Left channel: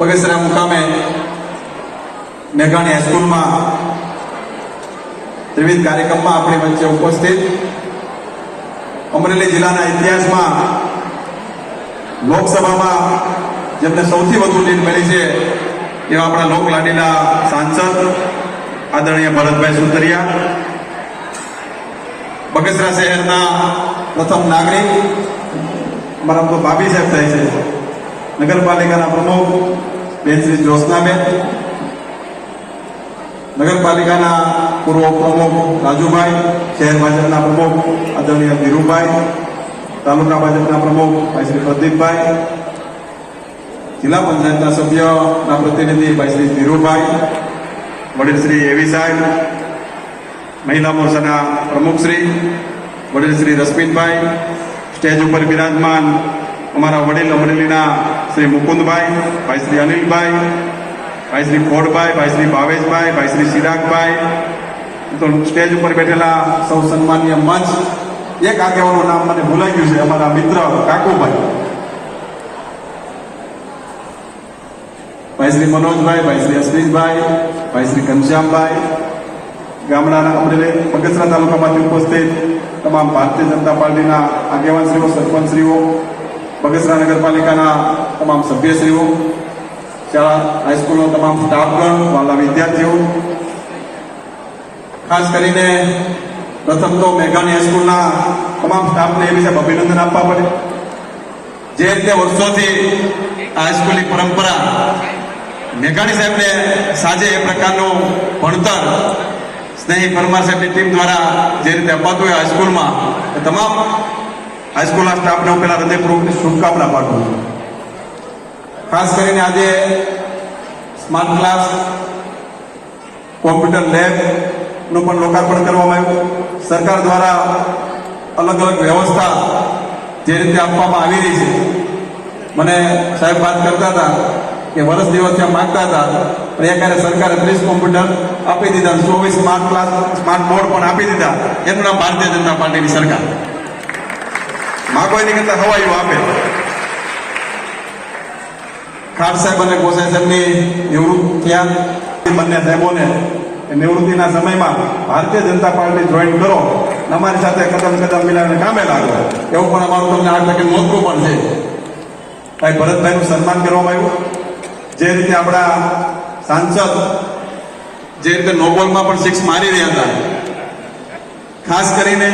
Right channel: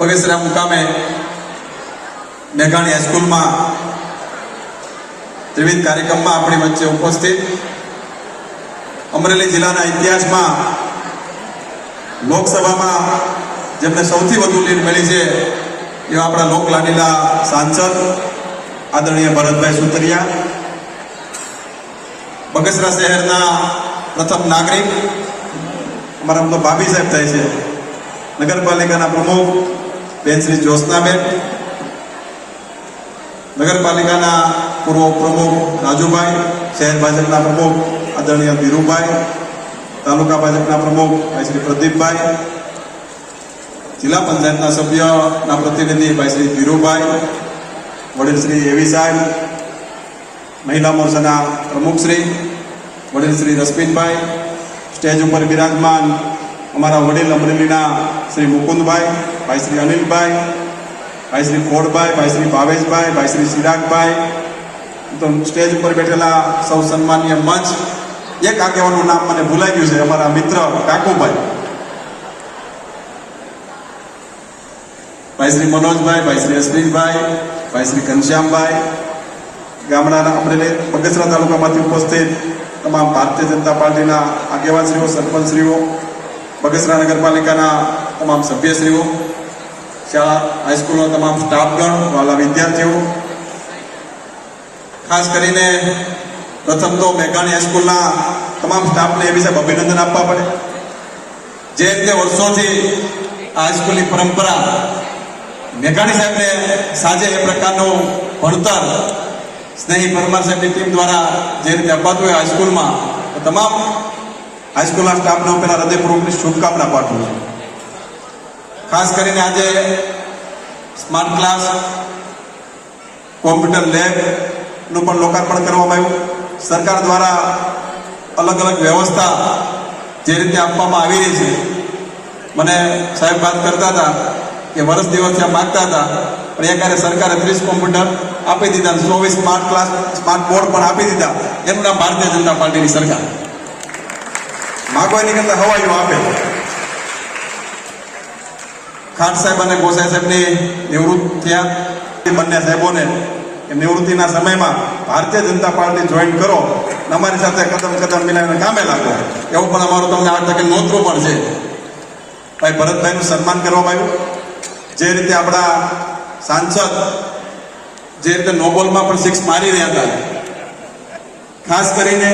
બગસરા મુકામે મેઘાણી હાઈસ્કૂલમાં ત્રિવિધ કાર્યક્રમમાં આપણી વચ્ચે ઉપસ્થિત અમરેલી જિલ્લાના ઇતિહાસમાં લોકસભામાં જેમને સૌથી વધુ લીડ મળી છે એવા આપણા લોકલાડીલા સાંસદ આદરણીય ભરતભાઈ સુતરિયા, બગસરા શહેરના પ્રથમ નાગરિક અમારા તો ભાભી સાહેબ થાય છે, નગરપાલિકાના પ્રમુખ બેન શ્રી જ્યોત્સનાબેન, નગરપાલિકાના પૂર્વ પ્રમુખ રાજુભાઈ, શહેર ભાજપના પ્રમુખ આદરણીય ધીરુભાઈ, તાલુકા ભાજપના પ્રમુખ ભાઈ શ્રી પ્રદીપભાઈ, જિલ્લા પંચાયતના સભ્યના પ્રતિનિધિ ભાઈ શ્રી ધીરુભાઈ, વડીલ શ્રી એવી સાહેબ, મહિલા મોરચાના પ્રમુખ શ્રી વડીલ શ્રી રશ્મિતભાઈ, સ્ટેજ ઉપર બિરાજમાન અમારા વડીલ અમરેલીના શ્રી મુકુંદભાઈ, ભાઈ શ્રી અનિલભાઈ, ભાઈ શ્રી ખોડભાઈ, ભાઈ શ્રી ભાવેશભાઈ, ભાઈ શ્રી ચિરાગભાઈ, તો સ્ટેજ ઉપર બેઠેલા સૌ સન્માનીય મંચ, એક આગેવાનનું નામ મને ભૂલાઈ ગયું છે, અમારા મિત્ર કાકુભાઈ, ભાઈ શ્રી મનોજભાઈ, ભાઈ શ્રી અશ્વિનભાઈ, ભાઈ શ્રી ઘનશ્યામભાઈ, ગામડાના અમરેલી બગસરા તાલુકામાંથી ઉપસ્થિત તમામ ભારતીય જનતા પાર્ટીના આગેવાનશ્રીઓ, સરપંચશ્રીઓ, બગસરા નગરપાલિકાના તમામ સભ્યશ્રીઓ, શાળા હાઈસ્કૂલનો તમામ સ્ટાફગણ, વાલા વિદ્યાર્થીઓ, ખાસ કરીને પ્રથમ તો મેઘાણી હાઈસ્કૂલના તમામ સ્ટાફને એ વિશે અભિનંદન આપવા પડે. જે રીતે વર્ષોથી આ હાઈસ્કૂલની પરંપરા મેઘાણી સાહેબને સાંજે એ પ્રકારનું ભણતર સ્નેહી પરમાર સાહેબની ટીમ દ્વારા જે રીતે અપાતું હોય હાઈસ્કૂલમાં, તમામ હાઈસ્કૂલના સ્ટાફને હું પહેલા હૃદયપૂર્વકની શુભકામના પાઠવું છું. ખાસ કરીને આજે સ્માર્ટ ક્લાસ, કોમ્પ્યુટર લેબનું પણ લોકાર્પણ કરવામાં આવ્યું. સરકાર દ્વારા અલગ અલગ વ્યવસ્થા જે રીતે આપવામાં આવી રહી છે, મને સાહેબ વાત કરતા હતા કે વર્ષ દિવસથી આ માગતા હતા, પણ એકારે સરકારે 30 કોમ્પ્યુટર આપી દીધા, 24 સ્માર્ટ ક્લાસ, સ્માર્ટ બોર્ડ પણ આપી દીધા. એનું નામ ભારતીય જનતા પાર્ટીની સરકાર. માગવાની કરતા હવાયું આપે. ખાન સાહેબ અને ગોસાઈ સાહેબની નિવૃત્ત થયા, બંને સાહેબોને નિવૃત્તિના સમયમાં ભારતીય જનતા પાર્ટી જોઈન કરો, અમારી સાથે કદમ કદમ મિલાવીને કામે લાગો, એવું પણ અમારું તમને આ તકે નોંધવું પણ છે. ભાઈ ભરતભાઈનું સન્માન કરવામાં આવ્યું. જે રીતે આપણા સાંસદ જે રીતે નોબલમાં પણ 6 મારી રહ્યા હતા, ખાસ કરીને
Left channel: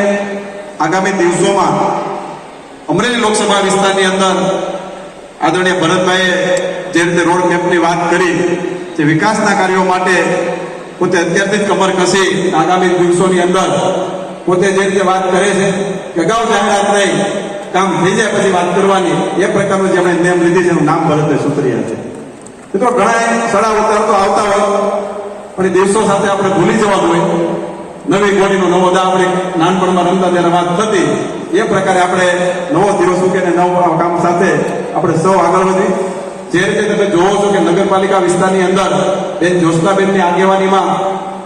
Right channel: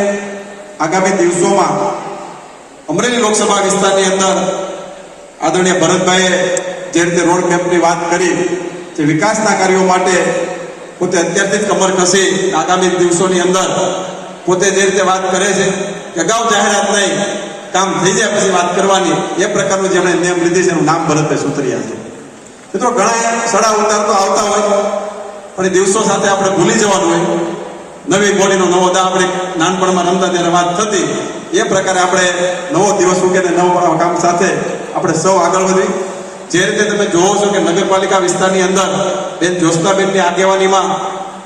આગામી દિવસોમાં અમરેલી લોકસભા વિસ્તારની અંદર આદરણીય ભરતભાઈએ જે રીતે રોડ મેપની વાત કરી, જે વિકાસના કાર્યો માટે પોતે અત્યારથી જ કમર કસી આગામી દિવસોની અંદર પોતે જે રીતે વાત કરે છે કે અગાઉ જાહેરાત નહીં, કામ થઈ જાય પછી વાત કરવાની, એ પ્રકારનું જેમણે નિયમ લીધી છે, એનું નામ ભરતભાઈ સુતરિયા છે. મિત્રો ઘણા સડા ઉતાર તો આવતા હોય, પણ દિવસો સાથે આપણે ભૂલી જવાનું હોય. નવી ઘડીનો નવો દા આપણે નાનપણમાં રમતા ત્યારે વાત થતી, એ પ્રકારે આપણે નવો દિવસ મૂકીને નવા કામ સાથે આપણે સૌ આગળ વધવી. જે રીતે તમે જોવો છો કે નગરપાલિકા વિસ્તારની અંદર બેન જ્યોત્સનાબેનની આગેવાનીમાં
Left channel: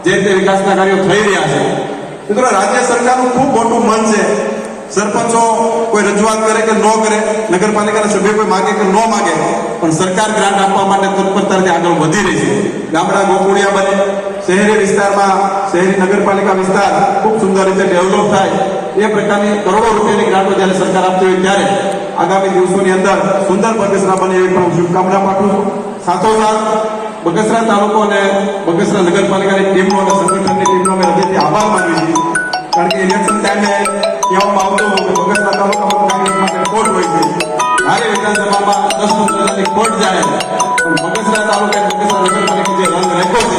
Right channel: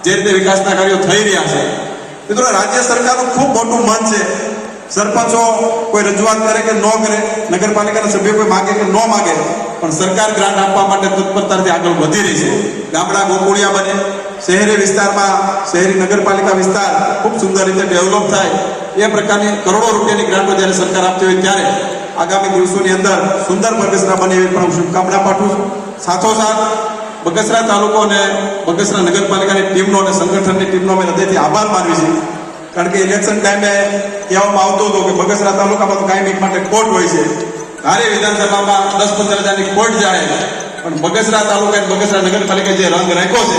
જે રીતે વિકાસના કાર્યો થઈ રહ્યા છે, મિત્રો રાજ્ય સરકારનું ખૂબ મોટું મન છે. સરપંચો કોઈ રજૂઆત કરે કે ન કરે, નગરપાલિકાના સભ્યો કોઈ માગે કે ન માગે, પણ સરકાર ગ્રાન્ટ આપવા માટે તત્પરતાથી આગળ વધી રહી છે. ગામડા ગોકુળિયા બને, શહેરી વિસ્તારમાં શહેરી નગરપાલિકા વિસ્તાર ખૂબ સુંદર રીતે ડેવલપ થાય, એ પ્રકારની કરોડો રૂપિયાની ગ્રાન્ટો જ્યારે સરકાર આપતી હોય ત્યારે આગામી દિવસોની અંદર સુંદર બગસરા બને એવી પણ શુભકામના પાઠવું છું. સાથોસાથ બગસરા તાલુકો અને બગસરા નગરપાલિકાની ટીમનો અને સંગઠનની ટીમનો અમે હૃદયથી આભાર માનીએ છીએ. કારણ કે ઇલેક્શન ટાઈમે કહેવામાં આવતું હતું કે બગસરા તાલુકામાં કાયમી માટે ખોટ હોય છે, ધારી વિધાનસભામાં 10-15 હજારની ખોટ જાણે, પણ બગસરા તાલુકા બગસરા નગરપાલિકા જે રંગ રાખ્યો છે